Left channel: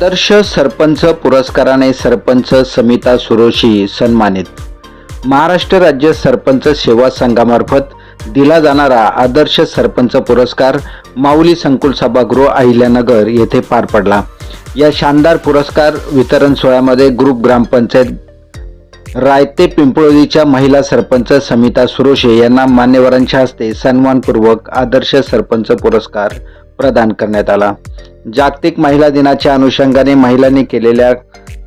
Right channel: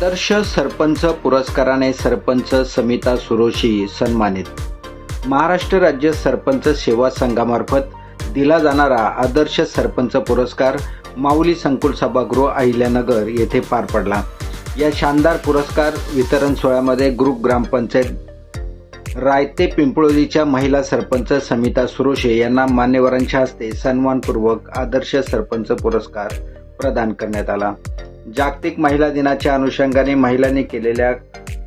आदर्श सरपंच पुरस्काराने सरपंच समिता सुरोशी सन्मानित. महाराष्ट्र राज्य सरपंच सेवा संघामार्फत दिला जाणारा आदर्श सरपंच पुरस्कार माऊली संकुल सभागृह अहिल्यानगर येथे पार पडला. या शानदार पुरस्कार वितरण सोहळ्यामध्ये ग्रुप ग्रामपंचायत रायते पिंपळोलीच्या महिला सरपंच समिता सुरोशे यांना मान्यवरांच्या हस्ते सन्मानपूर्वक आदर्श सरपंच पुरस्कार प्रदान करण्यात आला. जागतिक महिला दिनाच्या अनुषंगाने महिलांनी केलेल्या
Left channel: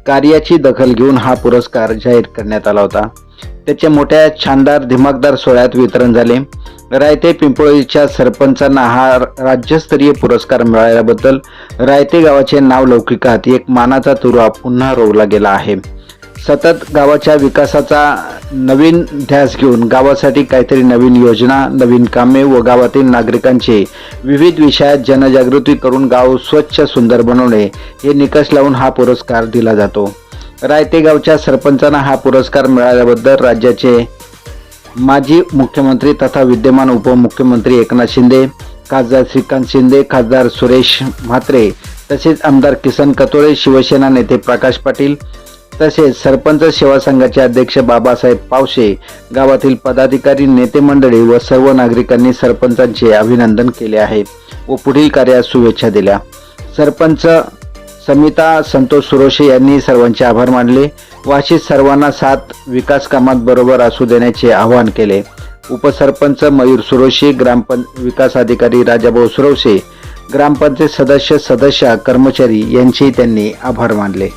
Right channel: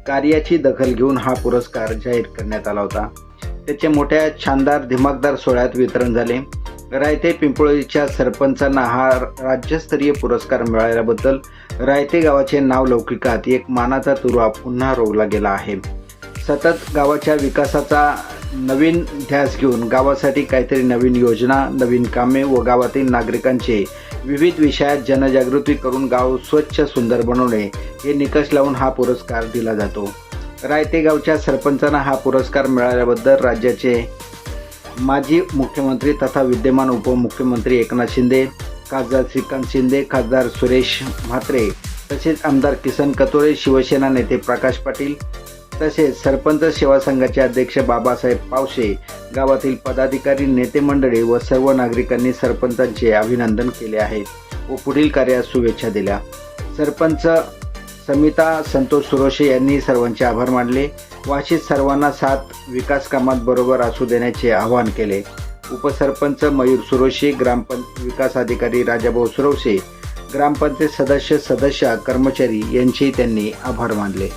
कार्याची दखल घेऊन हा पुरस्कार जाहीर करण्यात आला होता. त्याच्या मोठ्या छानदार दिमागदार सोहळ्यात वितरण झाले. रायते पिंपळीच्या सरपंचांना हा राज्यस्तरीय पुरस्कार मिळाल्याबद्दल रायते गावाचे नाव लौकिकात एक मानाचा तुरा पुन्हा रोवला गेला आहे. सतत गावाच्या विकासाचा नवीन ध्यास घेऊन गावासाठी काहीतरी नवीन योजना नवीन कामे व गावातील नागरिकांचे विविध विषयात जनजागृती करून गाव स्वच्छ सुंदर बनवणे हे निकष लावून हा पुरस्कार दिला जातो. रायते गावच्या सरपंचांना हा पुरस्कार मिळाल्याबद्दल राज्याचे माजी मुख्यमंत्री तथा विद्यमान उपमुख्यमंत्री एकनाथ शिंदे खासदार श्रीकांत शिंदे खासदार सुरेश म्हात्रे तसेच आमदार किसन कतोळे शिवसेना नेते प्रकाश पाटील तसेच सरपंच सेवा संघाचे अध्यक्ष बाबासाहेब पावशे गावातील पदाधिकारी नेते मंडळी व सर्व नागरिकांनी सरपंचांचे अभिनंदन केले आहे व पुढील कार्यास शुभेच्छा दिल्या. सरपंच समिता संतोष सुरोशे यांनी सर्वांचे आभार मानले व सर्वांना साथ विकास कामात बरोबर असू देण्याचे आवाहन केले. उपसरपंच मयूर सुरोशे ग्रामपं विकास अधिकारी राजाभाऊ सुरोशे ग्रामपंचायत सदस्य सदस्य कर्मचारी यांचेही त्यांनी आभार मानले.